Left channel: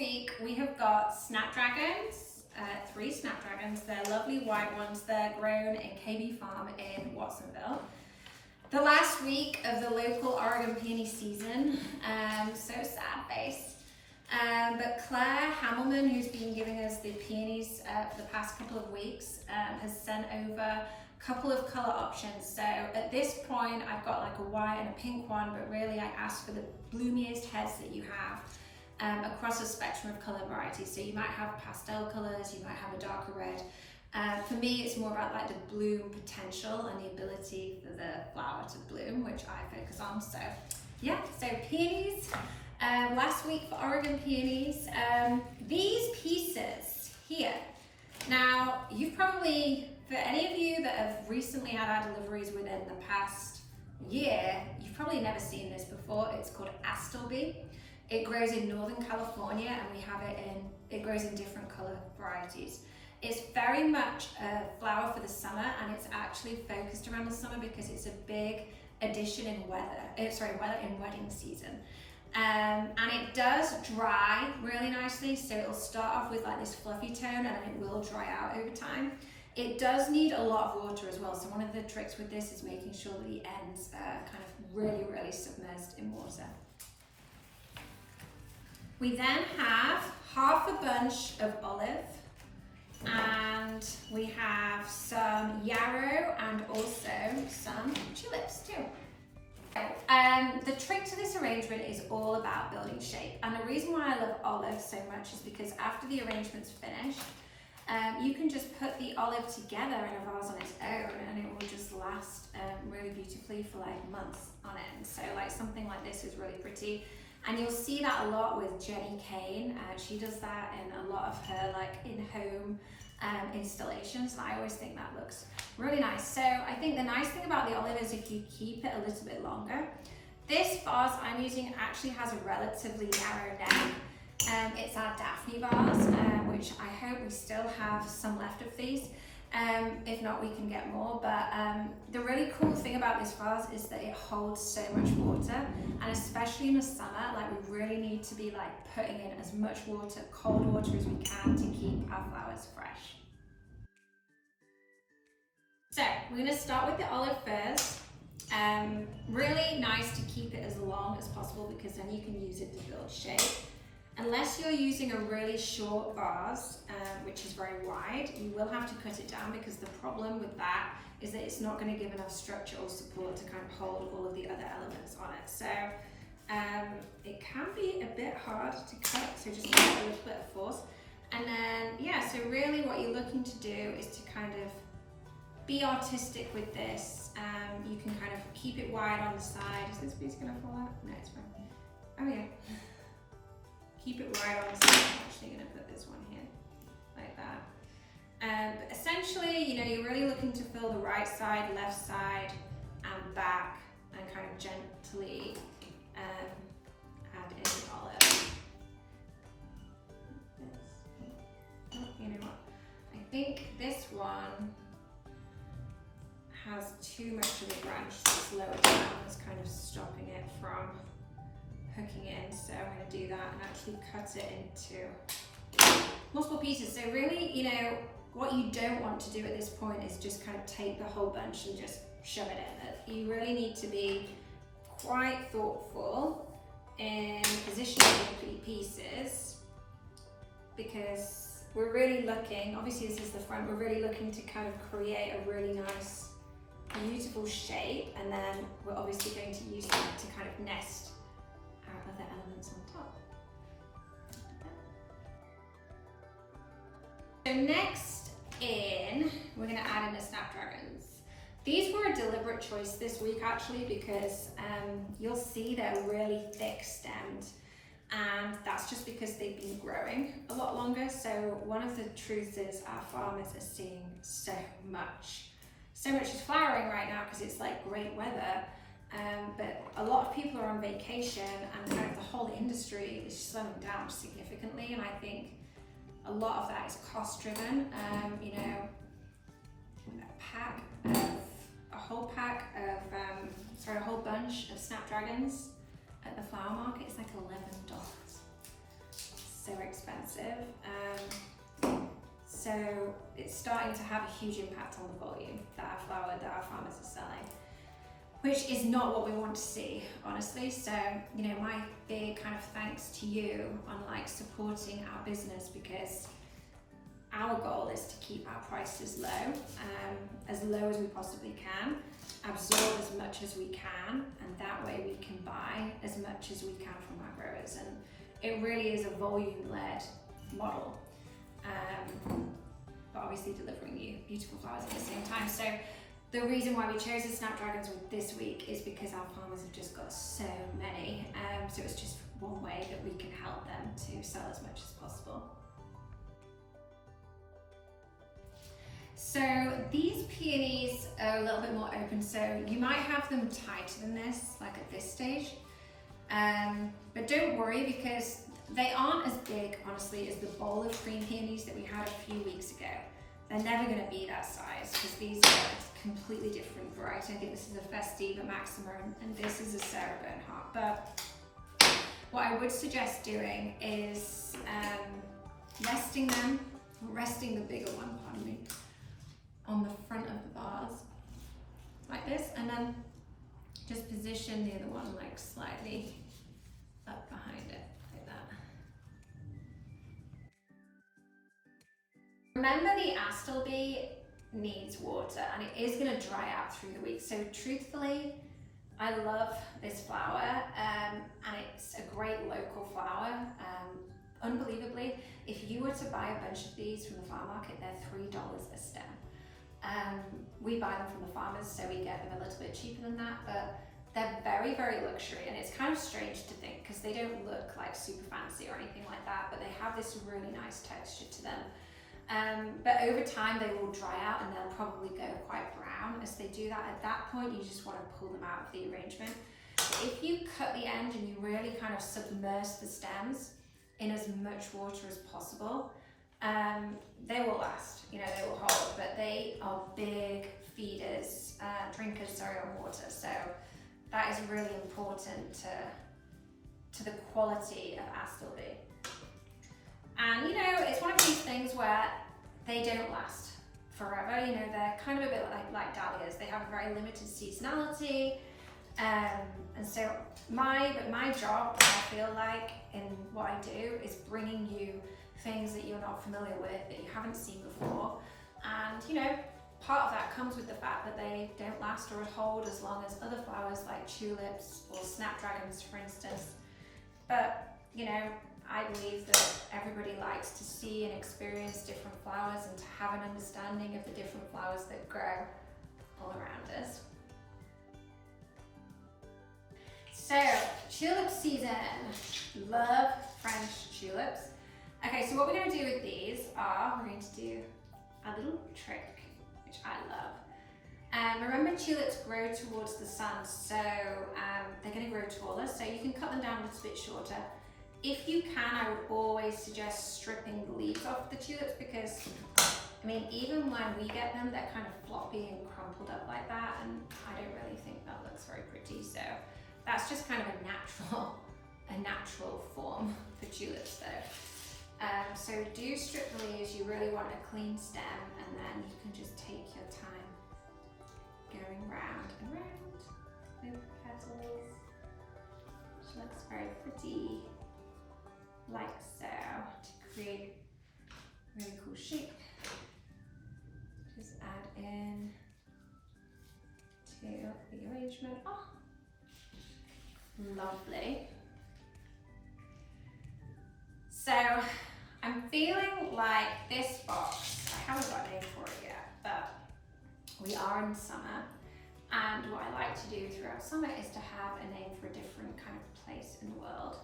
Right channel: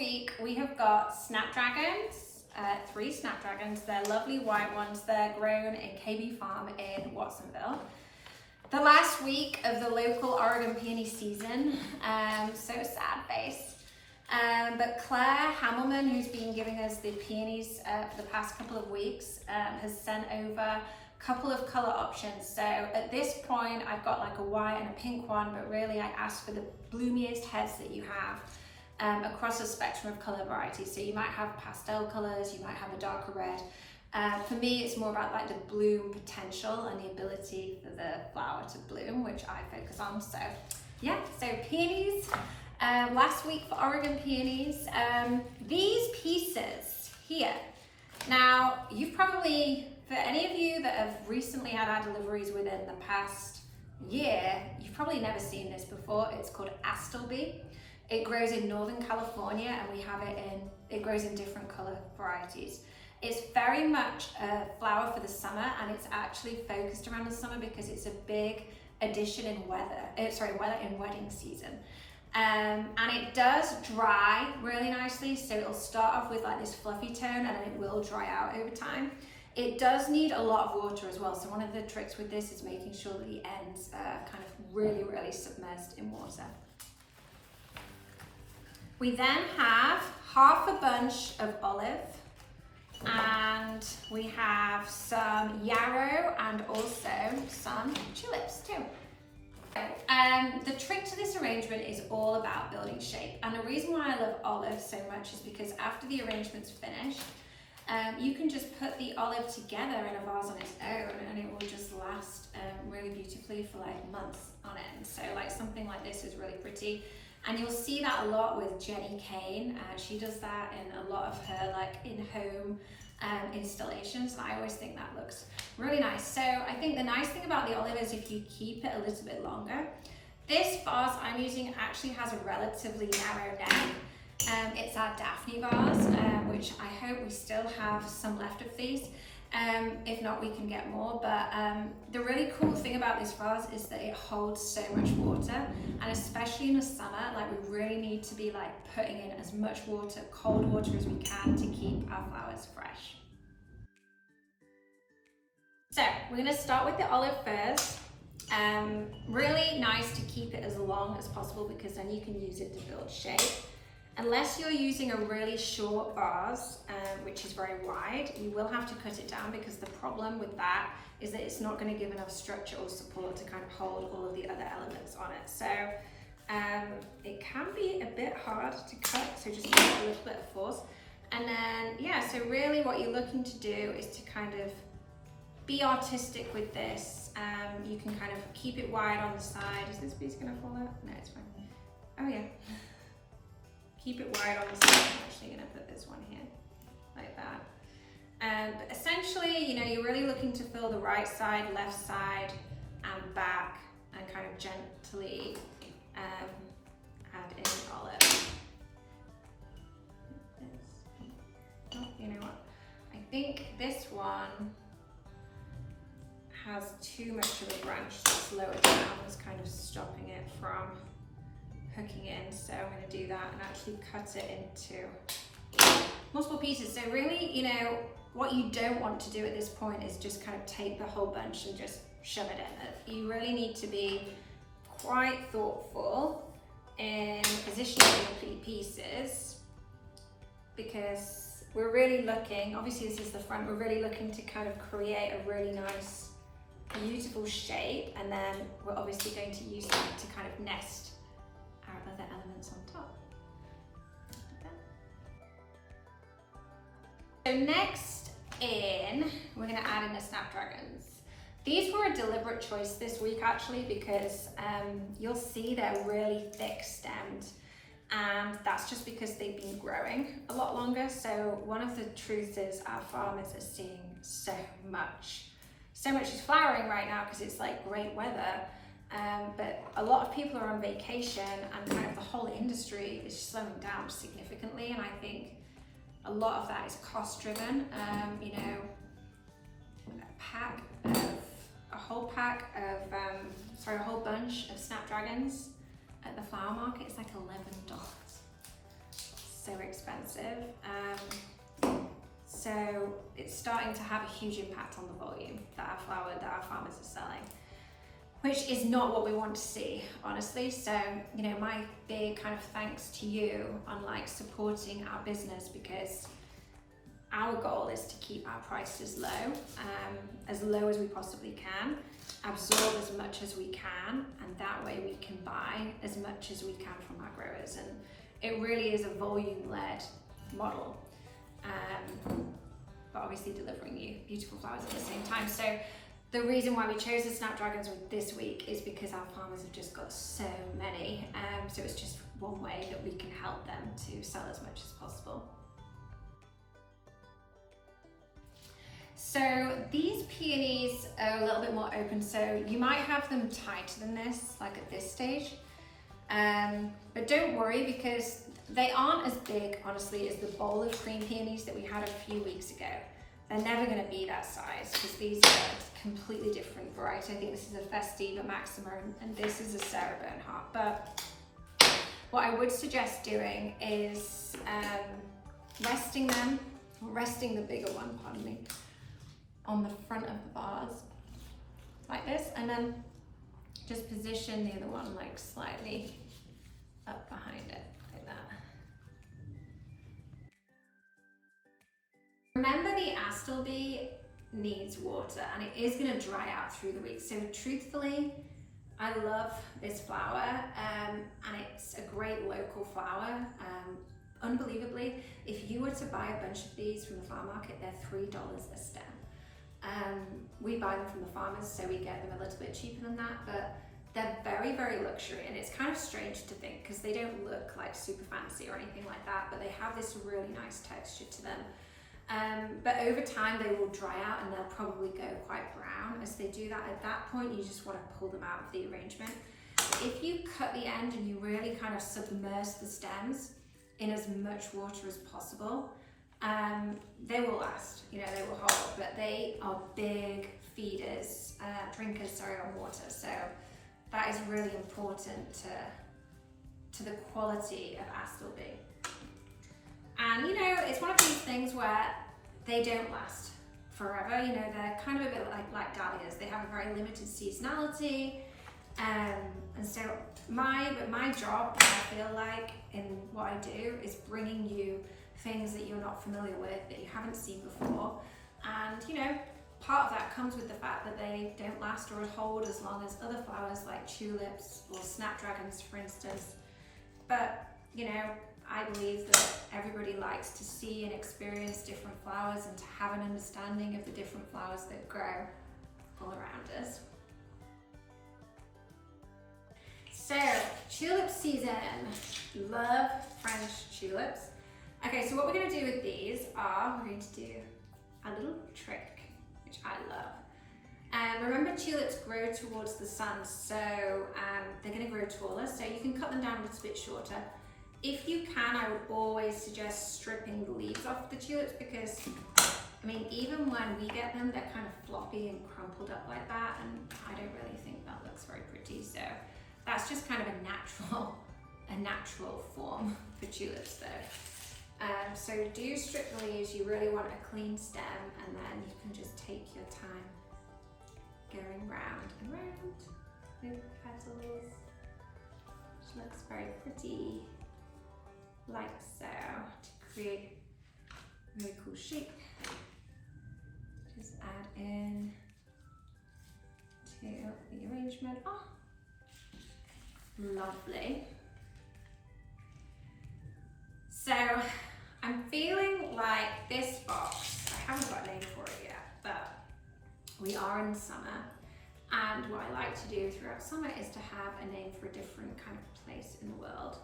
week we have got snapdragons, 3 snapdragons. They're lovely white ones. They're grown in KB Farm in Watsonville. The last week of the local Oregon peony season, so sad face. But Claire Hammelman, who's been giving us the peonies for the past couple of weeks, has sent over a couple of color options. So at this point, I've got like a white and a pink one, but really I asked for the bloomiest heads that you have across a spectrum of color varieties. So you might have pastel colors, you might have a darker red. For me, it's more about like the bloom potential and the ability for the flower to bloom, which I focus on. So yeah, so peonies. Last week for Oregon peonies, these pieces here. Now, you've probably, for any of you that have recently had our deliveries within the past year, you've probably never seen this before. It's called Astleby. It grows in Northern California, and we have it grows in different color varieties. It's very much a flower for the summer, and it's actually focused around the summer because it's a big addition in weather in wedding season. And it does dry really nicely, so it'll start off with like this fluffy tone and then it will dry out over time. It does need a lot of water as well, so one of the tricks with this is making sure that the ends are kind of really submerged in water. We then have half a bunch of olive, and we have some yarrow and also some tulips too. The trick to this arrangement is all about building shape, and the reason why I love olive so much is because after the arrangement's finished, you can just put the olive together in a vase on its own and it will just last really beautifully for like months on end. So like something like this is really pretty, and you'll see that a lot with Jenny Kane. She does that in a lot of her like in-home installations, and I always think that looks really nice. So I think the nice thing about the olive is if you keep it a little bit longer. This vase I'm using actually has a relatively narrow neck. It's our Daphne vase, which I hope we still have some left of these. If not, we can get more. But the really cool thing about this vase is that it holds so much water, and especially in the summer, like we really need to be like putting in as much water, cold water as we can to keep our flowers fresh. So we're going to start with the olive first. Really nice to keep it as long as possible because then you can use it to build shape. Unless you're using a really short vase, which is very wide, you will have to cut it down because the problem with that is that it's not going to give enough structure or support to kind of hold all of the other elements on it. So it can be a bit hard to cut, so just give it a little bit of force. And then, yeah, so really what you're looking to do is to kind of be artistic with this. You can kind of keep it wide on the side. Is this piece going to fall out? No, it's fine. Oh yeah. Keep it wide on the side. I'm actually going to put this one here, like that. But essentially, you know, you're really looking to fill the right side, left side, and back, and kind of gently add in the olive. Oh, you know what? I think this one has too much of a branch that's lower down, was kind of stopping it from hooking in. So I'm going to do that and actually cut it into multiple pieces. So really, you know, what you don't want to do at this point is just kind of take the whole bunch and just shove it in. You really need to be quite thoughtful in positioning the pieces, because we're really looking, obviously this is the front, we're really looking to kind of create a really nice, beautiful shape, and then we're obviously going to use that to kind of nest our other elements on top. So next we're going to add in the snapdragons. These were a deliberate choice this week actually, because you'll see they're really thick stemmed, and that's just because they've been growing a lot longer. So one of the truths is our farmers are seeing so much is flowering right now because it's like great weather, but a lot of people are on vacation, and kind of the whole industry is slowing down significantly, and I think a lot of that is cost driven. You know, a whole bunch of snapdragons at the flower market is like $11. So so expensive. So it's starting to have a huge impact on the volume that our farmers are selling, which is not what we want to see, honestly. So, you know, my big kind of thanks to you on like supporting our business, because our goal is to keep our prices low as we possibly can, absorb as much as we can, and that way we can buy as much as we can from our growers. And it really is a volume-led model, but obviously delivering you beautiful flowers at the same time. So the reason why we chose the Snapdragons this week is because our farmers have just got so many. So it's just one way that we can help them to sell as much as possible. So these peonies are a little bit more open, so you might have them tighter than this, like at this stage. But don't worry, because they aren't as big, honestly, as the bowl of cream peonies that we had a few weeks ago. They're never going to be that size, because these are a completely different variety. I think this is a Festiva Maxima, and this is a Sarah Bernhardt. But what I would suggest doing is resting the bigger one, pardon me, on the front of the vase, like this, and then just position the other one like slightly up behind it, like that. Remember, the Astleby needs water, and it is going to dry out through the week. So truthfully, I love this flower, and it's a great local flower. Unbelievably, if you were to buy a bunch of these from the farm market, they're $3 a stem. We buy them from the farmers, so we get them a little bit cheaper than that, but they're very, very luxury, and it's kind of strange to think because they don't look like super fancy or anything like that, but they have this really nice texture to them. But over time they will dry out and they'll probably go quite brown. As they do that, at that point you just want to pull them out of the arrangement. If you cut the end and you really kind of submerge the stems in as much water as possible, they will last, you know, they will hold, but they are big feeders, drinkers, on water. So that is really important to the quality of Astleby. And you know, it's one of these things where they don't last forever. You know, they're kind of a bit like dahlias. They have a very limited seasonality. And so my job, I feel like, in what I do, is bringing you things that you're not familiar with, that you haven't seen before. And you know, part of that comes with the fact that they don't last or hold as long as other flowers like tulips or snapdragons, for instance. But you know, I believe that everybody likes to see and experience different flowers and to have an understanding of the different flowers that grow all around us. So, tulip season. Love French tulips. Okay, so what we're going to do with these are, we're going to do a little trick, which I love. Remember, tulips grow towards the sun, so they're going to grow taller, so you can cut them down a little bit shorter. If you can, I would always suggest stripping the leaves off the tulips, because, I mean, even when we get them, they're kind of floppy and crumpled up like that, and I don't really think that looks very pretty. So that's just kind of a natural form for tulips though. So do strip the leaves. You really want a clean stem, and then you can just take your time going round and round with petals, which looks very pretty. Like so, to create a really cool shape. Just add in to the arrangement. Oh, lovely. So I'm feeling like this box, I haven't got a name for it yet, but we are in summer, and what I like to do throughout summer is to have a name for a different kind of place in the world.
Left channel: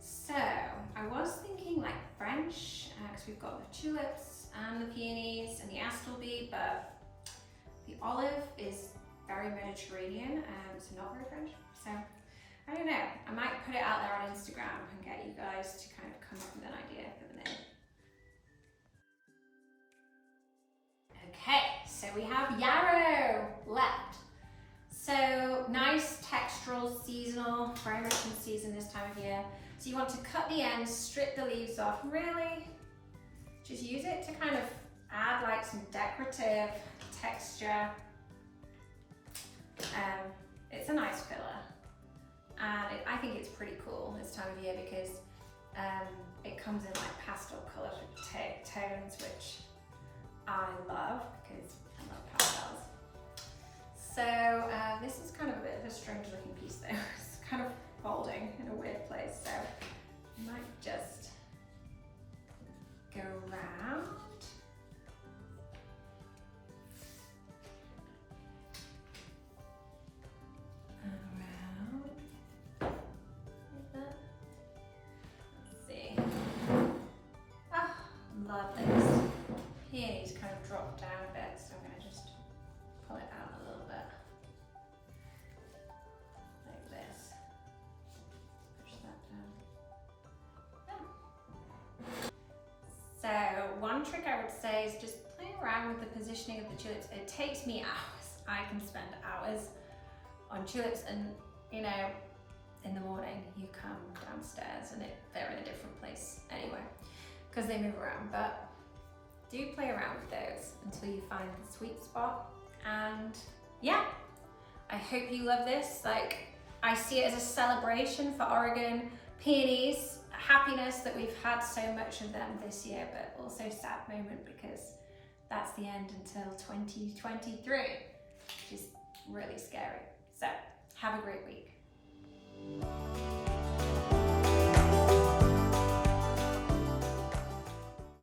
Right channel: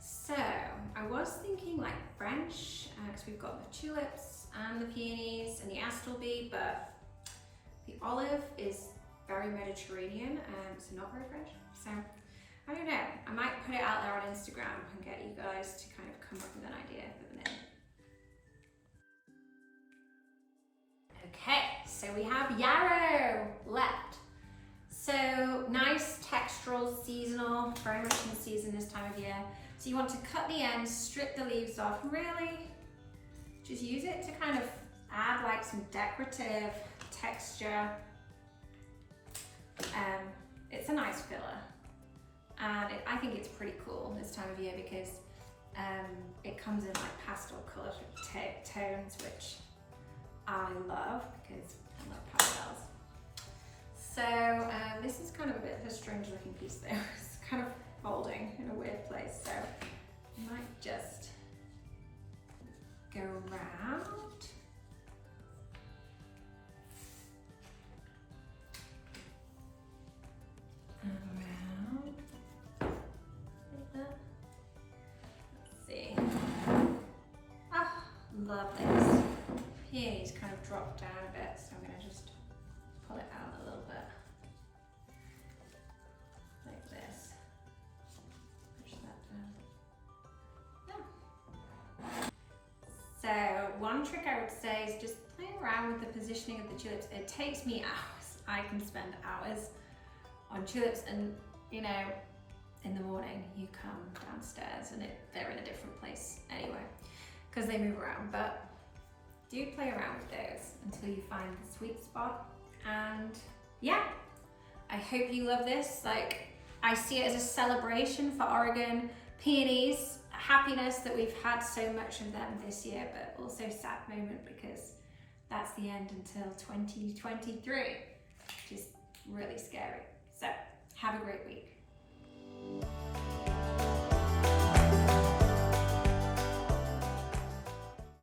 So I was thinking like French, because we've got the tulips and the peonies and the Astleby, but the olive is very Mediterranean, so not very French. So I don't know, I might put it out there on Instagram and get you guys to kind of come up with an idea for the name. Okay, so we have yarrow left. So nice textural, seasonal, very much in the season this time of year. So you want to cut the ends, strip the leaves off, really just use it to kind of add like some decorative texture. It's a nice filler, and I think it's pretty cool this time of year because it comes in like pastel colour tones, which I love because I love pastels. So this is kind of a bit of a strange looking piece though. It's kind of folding in a weird place, so you might just go around. Lovely. This peony's kind of dropped down a bit, so I'm going to just pull it out a little bit. Like this. Push that down. So one trick I would say is just play around with the positioning of the tulips. It takes me hours. I can spend hours on tulips, and you know, in the morning you come downstairs and they're in a different place anyway, because they move around. But do play around with those until you find the sweet spot. And yeah, I hope you love this. Like, I see it as a celebration for Oregon peonies, happiness that we've had so much of them this year, but also sad moment because that's the end until 2023, which is really scary. So have a great week.